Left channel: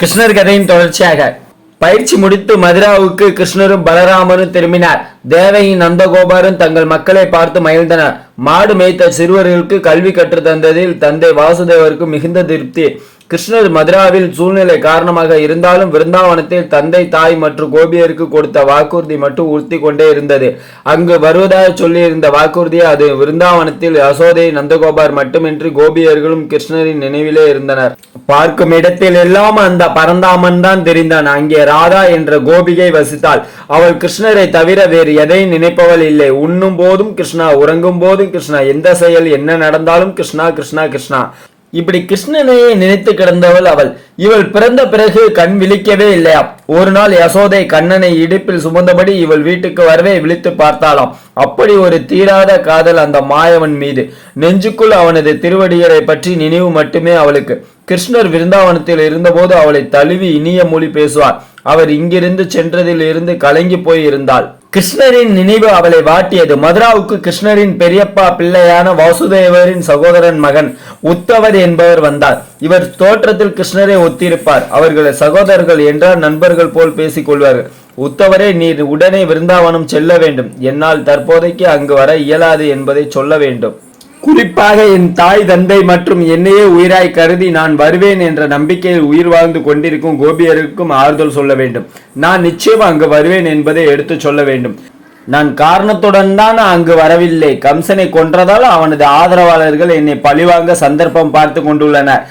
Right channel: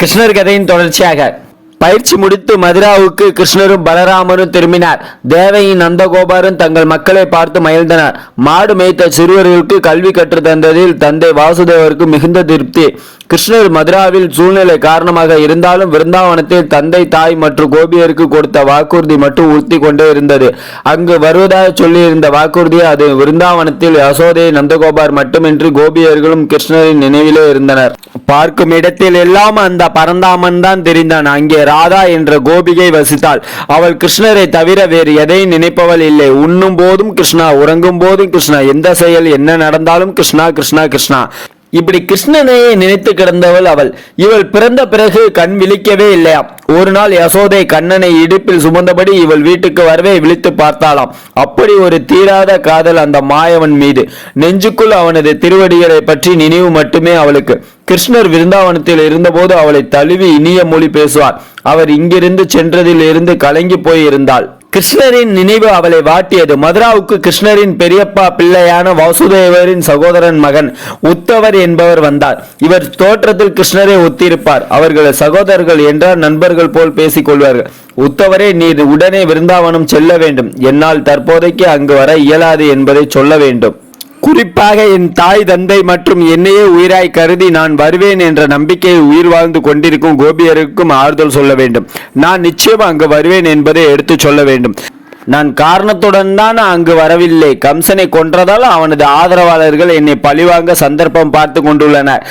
கிருஷ்ணர் கதையின் தொடர்ச்சியாக பயிற்சி முடித்து மதுராவுக்கு கிருஷ்ணரும் பலராமரும் திரும்பினார். தேவகியும் நந்தகோபாரும் தங்கள் மக்களை பார்த்து மகிழ்ந்தனர். மாடு மேய்த்த சிறுவர்களுக்கு கல்வி கற்று தந்ததில் தந்தை வாசுதேவருக்கு மிகுந்த திருப்தி. கிருஷ்ணர் மதுராவில் சூழ்நிலை காரணமாக இருந்தாலும் விருந்தாவனத்தில் தந்தை தாய் மற்றும் கோபியருக்கு கொடுத்த வாக்குறுதி மட்டும் உறுத்தி கொண்டே இருந்தது. அங்கு வருவதாக சொல்லி இருந்த வாக்குறுதி அது விருந்தாவனத்தில் யசோதை நந்தகோபார் மட்டுமின்றி கோபியர்களும் கிருஷ்ணரின் நினைவிலே இருந்தனர். பார்க்கும் இடத்தில் எல்லாம் அந்த பரந்தாமன் தான் தெரிந்தான். அங்கே ராதா என்ற கோபிகை வசித்தாள். அவள் கிருஷ்ணரை தவிர வேறு எதையும் நினைப்பவள் இல்லை. உண்ணும் போதும் கிருஷ்ணா, உறங்கும் போதும் கிருஷ்ணா, எந்த செயல் என்ன நடந்தாலும் கிருஷ்ணா கிருஷ்ணா கிருஷ்ணா, இப்படி கிருஷ்ணனையே நினைத்து கிடந்தவள் அவள். இவள் பிறந்த பிறகு கண் விழிக்கவே இல்லையா. ஒரு நாள் யசோதை கண்ணனை இடுப்பில் சுமந்தபடி இவள் வீட்டுக்கு வரவே விழித்து பார்த்தாளாம். அப்படி ஒரு தீராத காதல் அந்த மாயவன் மீது. நெஞ்சுக்குள் அவனது திருவடிகளை பற்றி நினைவு மட்டுமே அவளுக்கு. கிருஷ்ணர் விருந்தாவனத்தில் இருந்தபோது அவளை தழுவி இனிய மொழி பேசுவார். அவர் இங்கிருந்து சென்றதில் இருந்து கலங்கி போய் இருந்தாள். கிருஷ்ணரின் நினைவு அவளை வாட்டியது. மதுராவுக்கு கிருஷ்ணரின் பெரியப்பா பிள்ளையான வாசுதேவரின் சகோதரன் மகன் உத்தவர் என்பவர் வந்தார். இவர் தோற்றத்தில் கிருஷ்ணரை ஒத்திருப்பார். அவர்கள் சகோதரர்கள் என்றால் நண்பர்கள் போல் பேசிக் கொள்வார்கள். உத்தவரே, நீர் உடனே விருந்தாவனம் செல்ல வேண்டும். என்னால் தற்போதைக்கு அங்கு வர இயலாது என்பதை சொல்ல வேண்டும். குறிப்பாக என் தாய் தந்தை மற்றும் என்னையே உயிராய் கருதி நான் வருவேன் என்ற நம்பிக்கையில் உயிர் வாழ்ந்து கொண்டிருக்கும் கோபியருக்கும் ஆறுதல் சொல்ல வேண்டும். நான் நிச்சயம் அங்கு வருவேன் என்பதை எடுத்து சொல்ல வேண்டும். நான் காரணத்துடன் தான் அங்கு வரவில்லை. கம்சனை கொன்றதால் அவனது ஆதரவாளர்கள் என்னை பழிவாங்க சந்தர்ப்பம் பார்த்து கொண்டுள்ளனர்.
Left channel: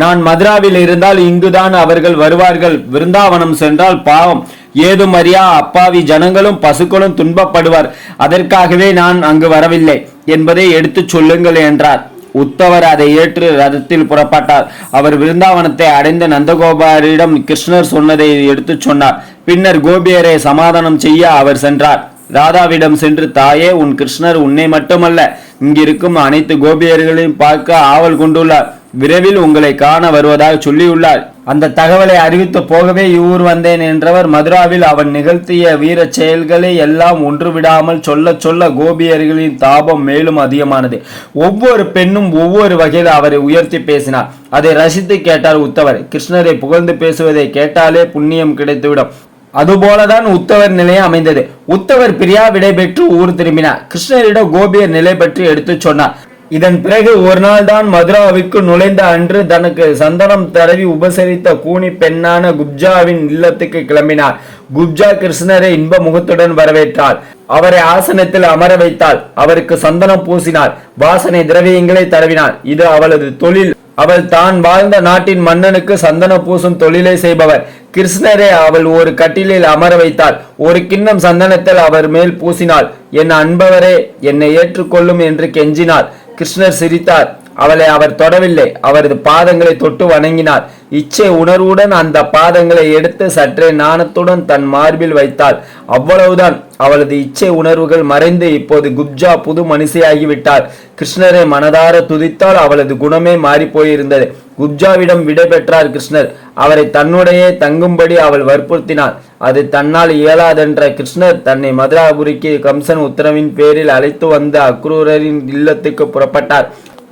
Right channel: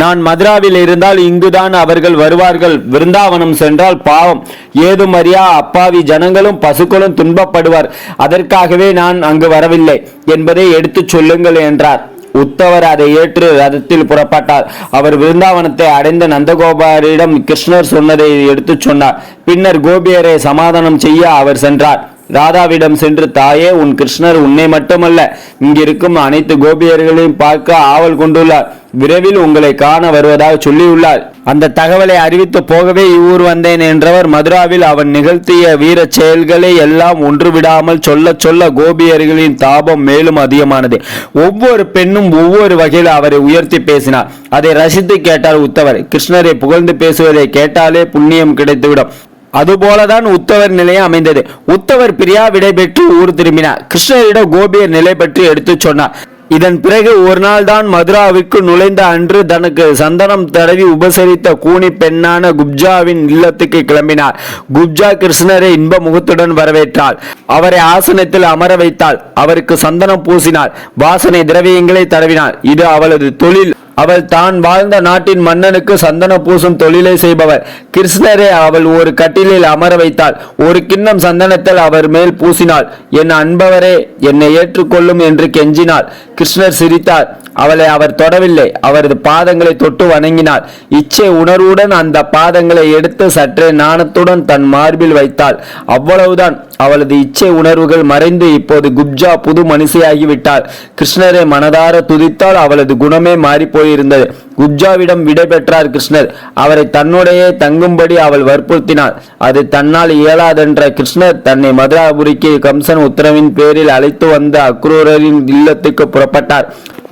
நான் மதுராவில் இருந்தால் இங்குதான் அவர்கள் வருவார்கள். விருந்தாவனம் சென்றால் பாவம், ஏதும் அறியா அப்பாவி ஜனங்களும் பசுக்களும் துன்பப்படுவார். அதற்காகவே நான் அங்கு வரவில்லை என்பதை எடுத்து சொல்லுங்கள் என்றார். உத்தவர் அதை ஏற்று ரதத்தில் புறப்பட்டார். அவர் விருந்தாவனத்தை அடைந்த நந்தகோபாரிடம் கிருஷ்ணர் சொன்னதை எடுத்து சொன்னார். பின்னர் கோபியரை சமாதானம் செய்ய அவர் சென்றார். ராதாவிடம் சென்று, தாயே, உன் கிருஷ்ணர் உன்னை மட்டுமல்ல இங்கிருக்கும் அனைத்து கோபியர்களையும் பார்க்க ஆவல் கொண்டுள்ளார். விரைவில் உங்களை காண வருவதாக சொல்லியுள்ளார். அந்த தகவலை அறிவித்து போகவே இவ்வூர் வந்தேன் என்றவர் மதுராவில் அவன் நிகழ்த்திய வீர செயல்களை எல்லாம் ஒன்று விடாமல் சொல்ல சொல்ல கோபியர்களின் தாபம் மேலும் அதிகமானது. ஒவ்வொரு பெண்ணும் ஒவ்வொரு வகையில் அவரை உயர்த்தி பேசினார். அதை ரசித்து கேட்டார் உத்தவர். கிருஷ்ணரை புகழ்ந்து பேசுவதை கேட்டாலே புண்ணியம் கிடைத்துவிடும். அதுபோலதான் உத்தவர் நிலையம் அமைந்தது. உத்தவர் பிரியா விடை பெற்று ஊர் திரும்பினார். கிருஷ்ணரிடம் கோபியர் நிலை பற்றி எடுத்து சொன்னார். இதன் பிறகு ஒரு நாள் தான் மதுராவிற்கு நுழைந்த அன்று தனக்கு சந்தனம் தடவி உபசரித்த கூனி பெண்ணான குப்ஜாவின் இல்லத்துக்கு கிளம்பினார். குப்ஜா கிருஷ்ணரை இன்ப முகத்துடன் வரவேற்றாள். அவரை ஆசனத்தில் அமர வைத்தாள். அவருக்கு சந்தனம் பூசினார். வாசனை திரவியங்களை தடவினார். இது அவளது தொழில். அவள் தான் வாழ்ந்த நாட்டின் மன்னனுக்கு சந்தன பூசும் தொழிலை செய்பவர். கிருஷ்ணரை அவள் ஒரு கட்டிலில் அமர வைத்தாள். ஒரு கிண்ணம் சந்தனத்தில் அவர் மேல் பூசினாள். என் அன்பவரே, என்னை ஏற்றுக்கொள்ளும் என்று கெஞ்சினாள். கிருஷ்ணர் சிரித்தார். அவளை அவர் தொடவில்லை. அவரது பாதங்களை தொட்டு வணங்கினார். இச்சை உணர்வுடன் அந்த பாதங்களை எடுத்து சற்றே நாணத்துடன் தன் மார்பில் வைத்தாள். அவ்வளவுதான். அவளது இச்சை உணர்வுகள் மறைந்து இப்போது குப்ஜா புது மனுஷியாகிவிட்டாள். கிருஷ்ணரை மனதார துதித்தால் அவளது குணமே மாறி போயிருந்தது. குப்ஜாவிடம் விடை பெற்றார் கிருஷ்ணர். அவரை தன்னுடைய தங்கும்படி அவள் வற்புறுத்தினார். அது தன்னால் இயலாதென்ற கிருஷ்ணர் தன்னை மதுராபுரிக்கு கம்சன் உத்தரவின் பேரில் அழைத்து வந்த அக்ரூரரின் இல்லத்துக்கு புறப்பட்டார்.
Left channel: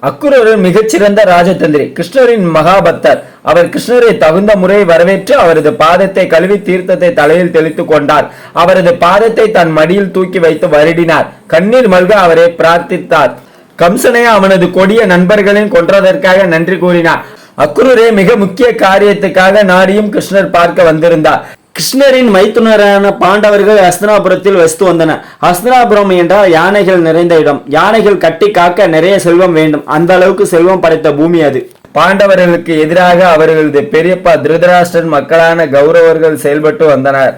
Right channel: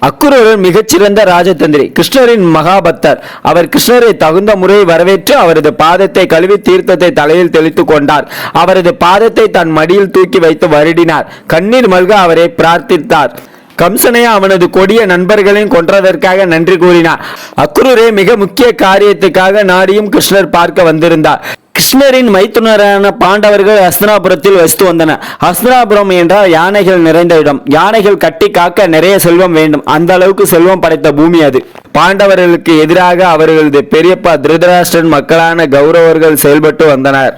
அக்ரூரர் மிகச்சிறந்த ராஜதந்திரி, கிருஷ்ணரின் மகாபக்தர். அவர் கிருஷ்ணரை தகுந்த முறை வரவேற்று அவரது பாதத்தை கழுவி தீர்த்தத்தை தலையில் தெளித்து கொண்டார். அவரது பாதத்தை தன் மடியில் தூக்கி வைத்து வருடினார். கண்ணீர் மல்க அவரை பிரார்த்தித்தார். கம்சனை அவனது கொடிய நண்பர்களையும் கொன்றதற்காக நன்றி கூறினார். அக்ரூரை மிக முக்கிய காரியத்துக்காக நாடியும் கிருஷ்ணர் பார்க்க வந்திருந்தார். கிருஷ்ணரின் மைத்துனரான பாண்டவர்கள் ஹஸ்தினாபுரத்தில் வசித்து வந்தனர். ஹஸ்தினாபுரம் என்றால் யானைகள் நிறைந்த இடம். யானைகள் கட்டி காக்க நிறைய செல்வம் வேண்டும். அந்த அளவுக்கு செல்வம் படைத்த பூமி அது. பாண்டவர்களுக்கு எதிராக அவர்களது பெரியப்பா திருதராஷ்டிரன் மக்களான கௌரவர்கள் செயல்பட்டு வந்தனர்.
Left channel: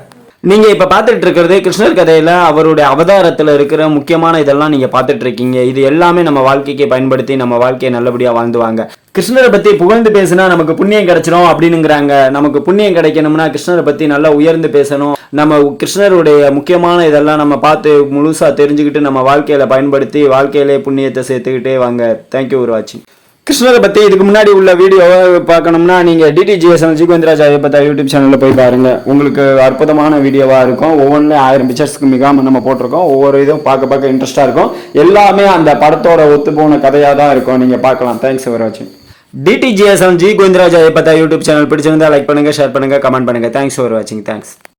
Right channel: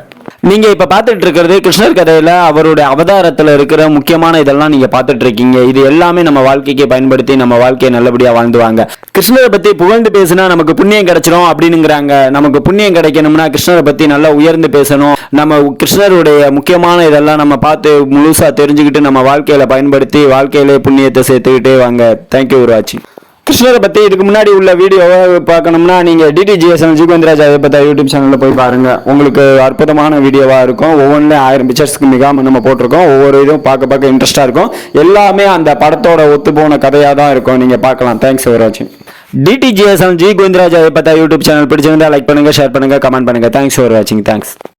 நீங்க இப்ப பாத்துட்டு இருக்கிறது கிருஷ்ணர் கதையில அவருடைய அவதாரத்துல இருக்கிற முக்கியமான இதெல்லாம் நீங்க பாத்துட்டு இருக்கீங்க. இது எல்லாமே நம்ம வாழ்க்கைக்கு பயன்படுத்தி நம்ம வாழ்க்கையை நல்லபடியா வாழ்ந்துவாங்க. கிருஷ்ணரை பத்தி புகழ்ந்து பேசினா நமக்கு புண்ணியம் கிடைச்சிடும் அப்படின்னுங்கிறாங்க. நமக்கு புண்ணியம் கிடைக்கணும்னா கிருஷ்ணரை பத்தி நல்லா உயர்ந்து பேசணும். நம்ம கிருஷ்ணருடைய முக்கியமான இதெல்லாம் நம்ம பார்த்து முழுசா தெரிஞ்சுக்கிட்டு நம்ம வாழ்க்கையில பயன்படுத்தி வாழ்க்கையிலே புண்ணியத்தை சேர்த்துக்கிட்டே வாங்க. தேங்க்யூ ஃபார் வாட்சிங். கிருஷ்ணரை பத்தி இதுக்கு முன்னாடி உள்ள வீடியோவை பார்க்கணும்னா நீங்க DTGS ஜிகேந்திராஜ் யூடியூப் சேனல்ல போய் பாருங்க. உங்களுக்கு அற்புதமான வீடியோவா இருக்கும். ஒவ்வொன்றும் 1000 பிக்சர்ஸ்க்கு மிகாம நம்ம போட்டிருக்கோம். ஒவ்வொரு இதுவும் பார்க்க இன்ட்ரெஸ்டா இருக்கும். எல்லாமே அந்த படத்தோட ஒத்து போன கதையா தான் இருக்கும். நீங்க பார்க்கலாம். தேங்க்ஸ் ஃபார் வாட்சிங். டிடிஜிஎஸ்எல் ஜி கோவிந்தராஜ் ஐயப்பா யூடியூப் சேனல் பிடிச்சிருந்தா லைக் பண்ணுங்க, ஷேர் பண்ணுங்க, கமெண்ட் பண்ணுங்க. தேங்க்ஸ் ஃபார் வாட்சிங். தேங்க்ஸ்.